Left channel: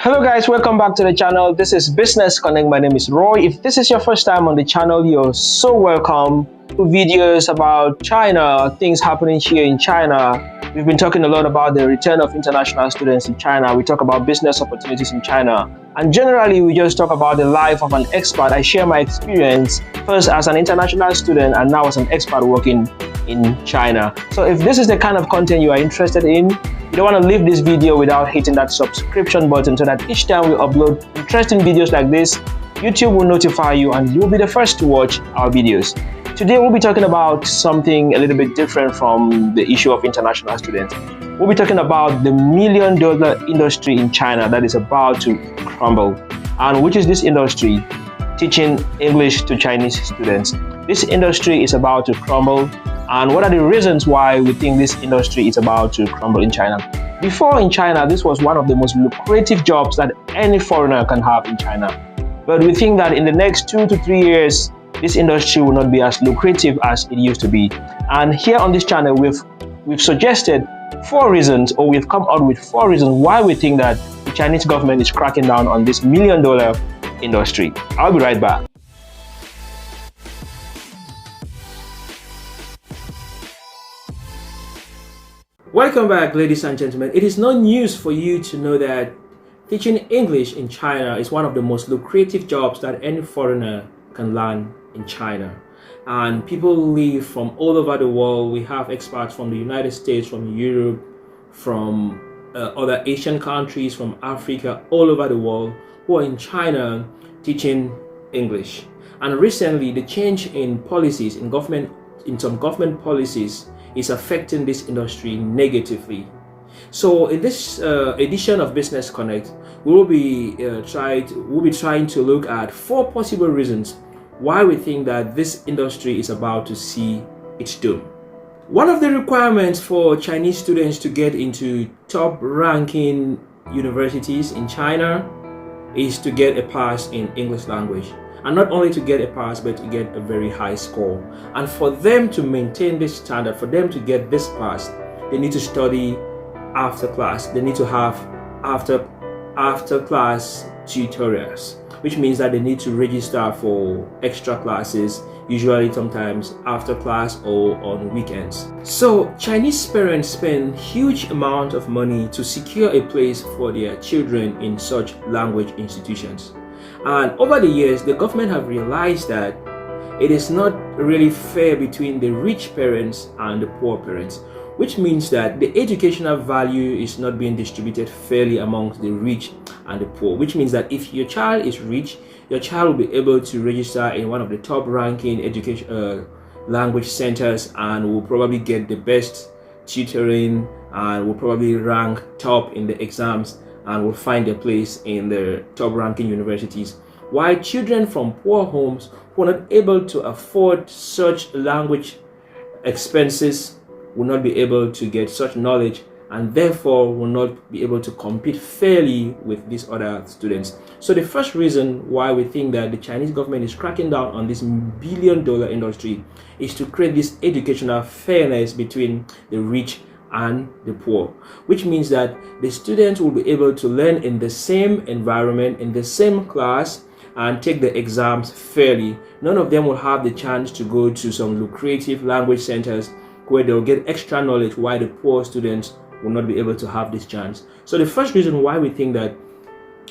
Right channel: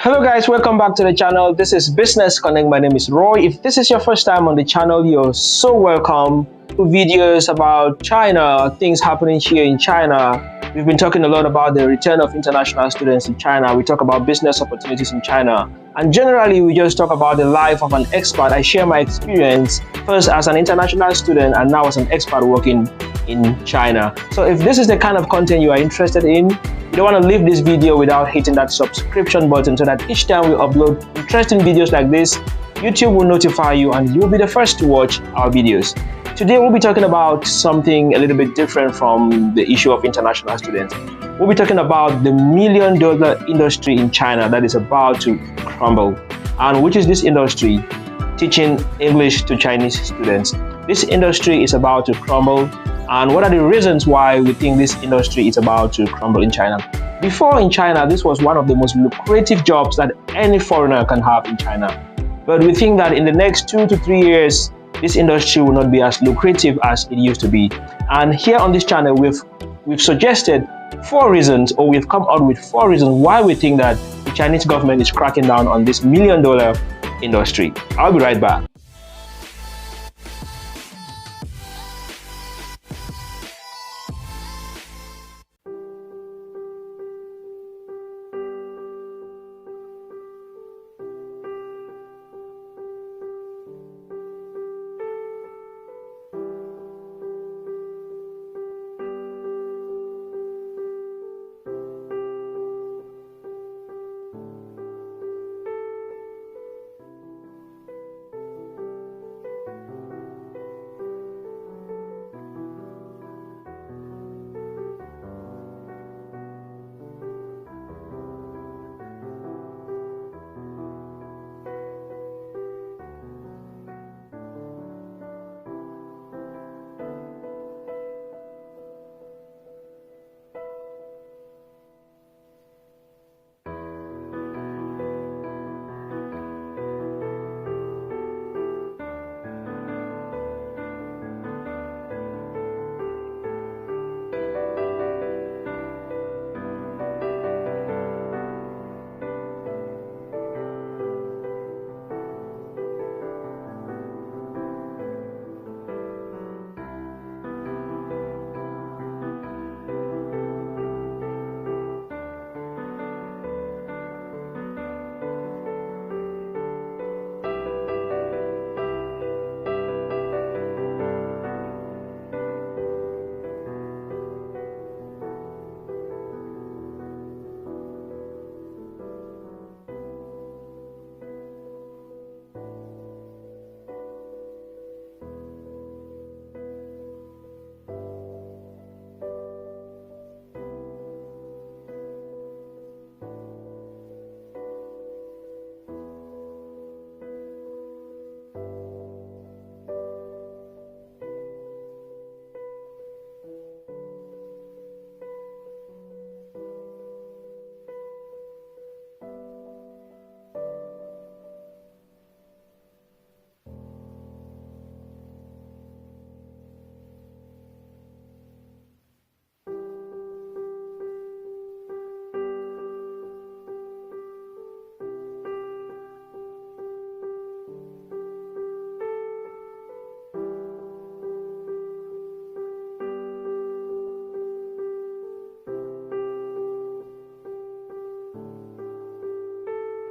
Hello guys, welcome back to the channel. This is Business Connect. My name is Roy. If this is your first time on the channel, you're so welcome to videos about China, things happening here in China. We've been talking a lot about the return of international students in China. We talk about business opportunities in China. And generally, we just talk about the life of an expat. I share my experience first as an international student and now as an expat working in China. So if this is the kind of content you are interested in, you don't want to leave this video without hitting that subscription button so that each time we upload interesting videos like this, YouTube will notify you and you'll be the first to watch our videos. Today we'll be talking about something a little bit different from the issue of international students. We'll be talking about the $1 million industry in China that is about to crumble. And which is this industry? Teaching English to Chinese students. This industry is about to crumble. And what are the reasons why we think this industry is about to crumble in China? Before in China, this was one of the most lucrative jobs that any foreigner can have in China. But we think that in the next 2 to 3 years, this industry will not be as lucrative as it used to be. And here on this channel, we've suggested 4 reasons, or we've come out with 4 reasons why we think that the Chinese government is cracking down on this $1 million industry. I'll be right back. Welcome back, ladies and gentlemen. It is no news for you to know that teaching English in China is one of the most lucrative jobs that any foreigner can learn in China. And people live from all over the world. We have expats from the United States, from Europe, from other Asian countries, from Africa, all over the world who are in China teaching English. And recently, the change in policies, in some government policies, is affecting this industry negatively. So in this edition of Business Connect, we'll be trying to look at 4 possible reasons why we think that this industry is about to see its doom. One of the requirements for Chinese students to get into top-ranking universities in China is to get a pass in English language. And not only to get a pass, but to get a very high score. And for them to maintain this standard, for them to get this pass, they need to study after class. They need to have after class tutorials, which means that they need to register for extra classes, usually sometimes after class or on weekends. So Chinese parents spend huge amount of money to secure a place for their children in such language institutions. And over the years, the government have realized that it is not really fair between the rich parents and the poor parents, which means that the educational value is not being distributed fairly amongst the rich and the poor, which means that if your child is rich, your child will be able to register in one of the top ranking education language centers and will probably get the best tutoring and will probably rank top in the exams and will find a place in the top-ranking universities. While children from poor homes who are not able to afford such language expenses will not be able to get such knowledge and therefore will not be able to compete fairly with these other students. So the first reason why we think that the Chinese government is cracking down on this $1 billion industry is to create this educational fairness between the rich and the poor, which means that the students will be able to learn in the same environment, in the same class, and take the exams fairly. None of them will have the chance to go to some lucrative language centers where they'll get extra knowledge, while the poor students will not be able to have this chance. So the first reason why we think that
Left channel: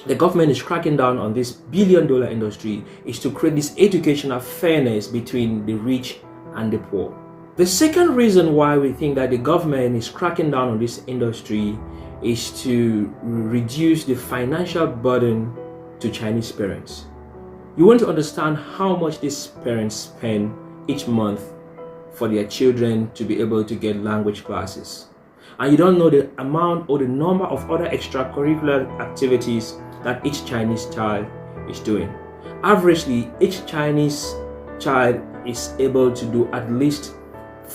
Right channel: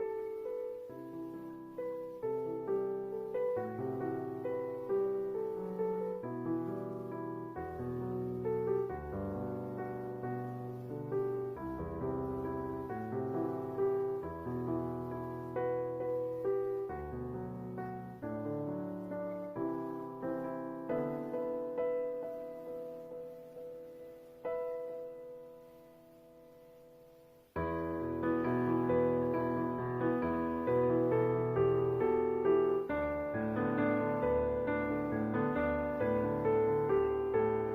the government is cracking down on this $1 billion industry is to create this educational fairness between the rich and the poor. The second reason why we think that the government is cracking down on this industry is to reduce the financial burden to Chinese parents. You want to understand how much these parents spend each month for their children to be able to get language classes. And you don't know the amount or the number of other extracurricular activities that each Chinese child is doing. Averagely, each Chinese child is able to do at least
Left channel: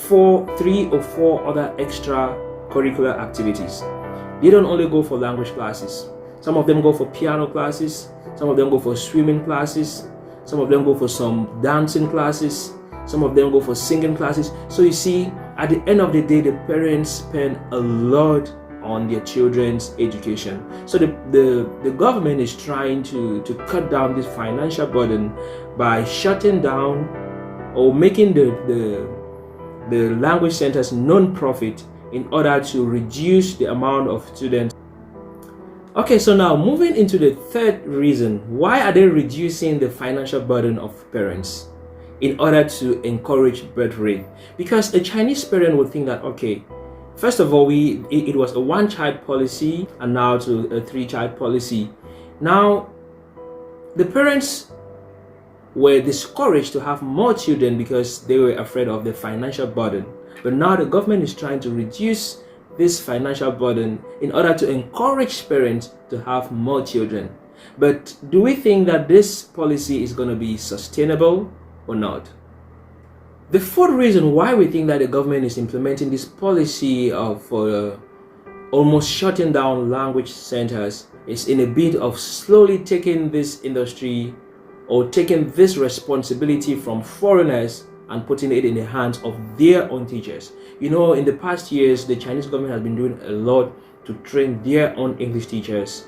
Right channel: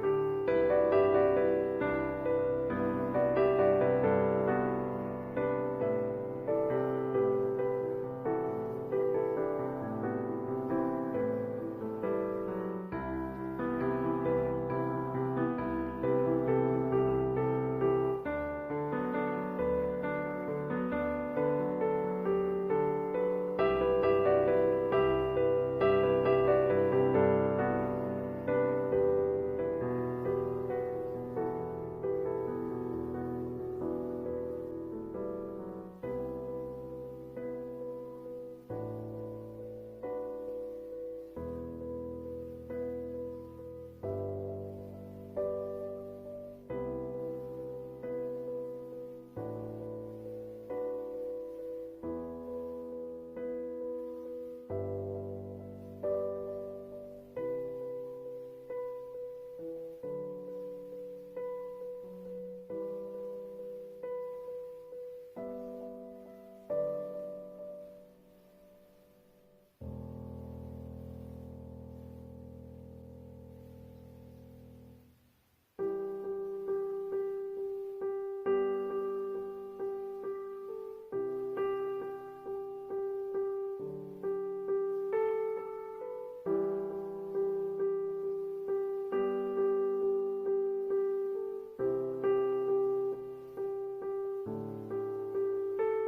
3 or 4 other extracurricular activities. They don't only go for language classes. Some of them go for piano classes, some of them go for swimming classes, some of them go for some dancing classes, some of them go for singing classes. So you see, at the end of the day, the parents spend a lot on their children's education. So the government is trying to cut down this financial burden by shutting down or making the language centers non-profit in order to reduce the amount of students. Okay, so now moving into the third reason, why are they reducing the financial burden of parents? In order to encourage birth rate. Because a Chinese parent would think that, okay, first of all, it was a one-child policy and now to a three-child policy. Now, the parents were discouraged to have more children because they were afraid of the financial burden. But now the government is trying to reduce this financial burden in order to encourage parents to have more children. But do we think that this policy is going to be sustainable or not? The fourth reason why we think that the government is implementing this policy of almost shutting down language centers is in a bid of slowly taking this industry or taking this responsibility from foreigners and putting it in the hands of their own teachers. You know, in the past years, the Chinese government has been doing a lot to train their own English teachers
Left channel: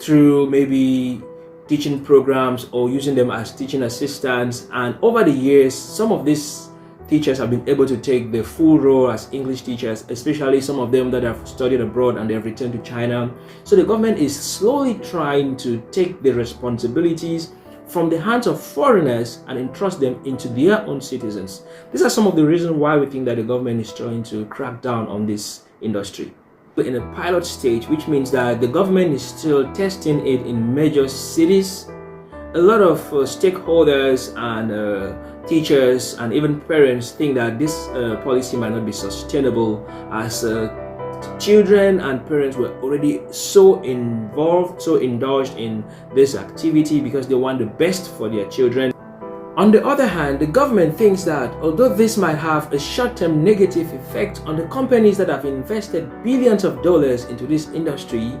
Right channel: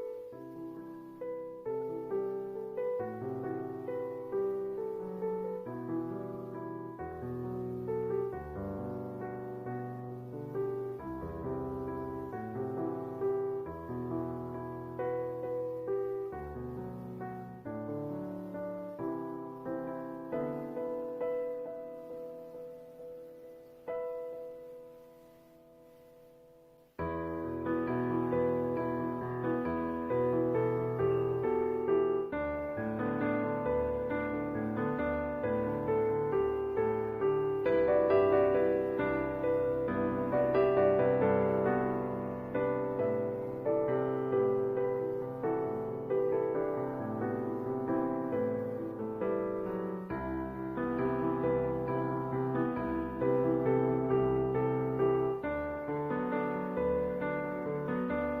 through maybe teaching programs or using them as teaching assistants. And over the years, some of these teachers have been able to take the full role as English teachers, especially some of them that have studied abroad and they have returned to China. So the government is slowly trying to take the responsibilities from the hands of foreigners and entrust them into their own citizens. These are some of the reasons why we think that the government is trying to crack down on this industry. In a pilot stage, which means that the government is still testing it in major cities. A lot of stakeholders and teachers and even parents think that this policy might not be sustainable, as children and parents were already so involved, so indulged in this activity because they want the best for their children. On the other hand, the government thinks that although this might have a short-term negative effect on the companies that have invested billions of dollars into this industry,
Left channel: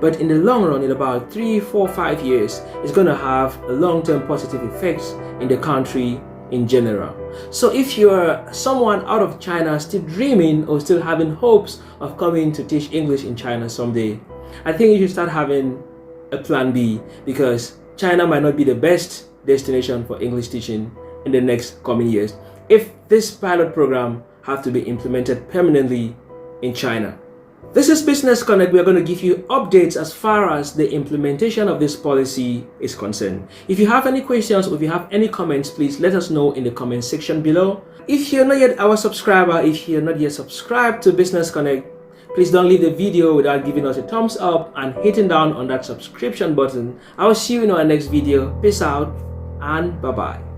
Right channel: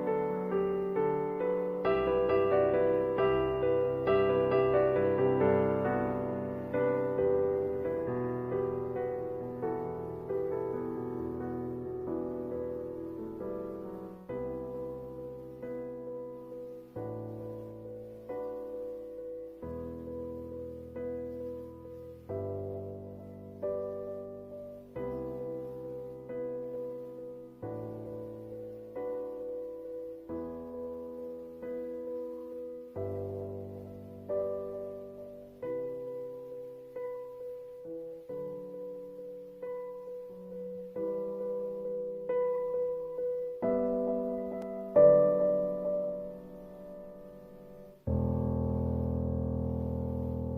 but in the long run, in about 3, 4, 5 years, it's going to have a long-term positive effects in the country in general. So if you're someone out of China still dreaming or still having hopes of coming to teach English in China someday, I think you should start having a plan B, because China might not be the best destination for English teaching in the next coming years if this pilot program have to be implemented permanently in China. This is Business Connect. We are going to give you updates as far as the implementation of this policy is concerned. If you have any questions or if you have any comments, please let us know in the comment section below. If you're not yet our subscriber, if you're not yet subscribed to Business Connect, please don't leave the video without giving us a thumbs up and hitting down on that subscription button. I will see you in our next video. Peace out and bye-bye.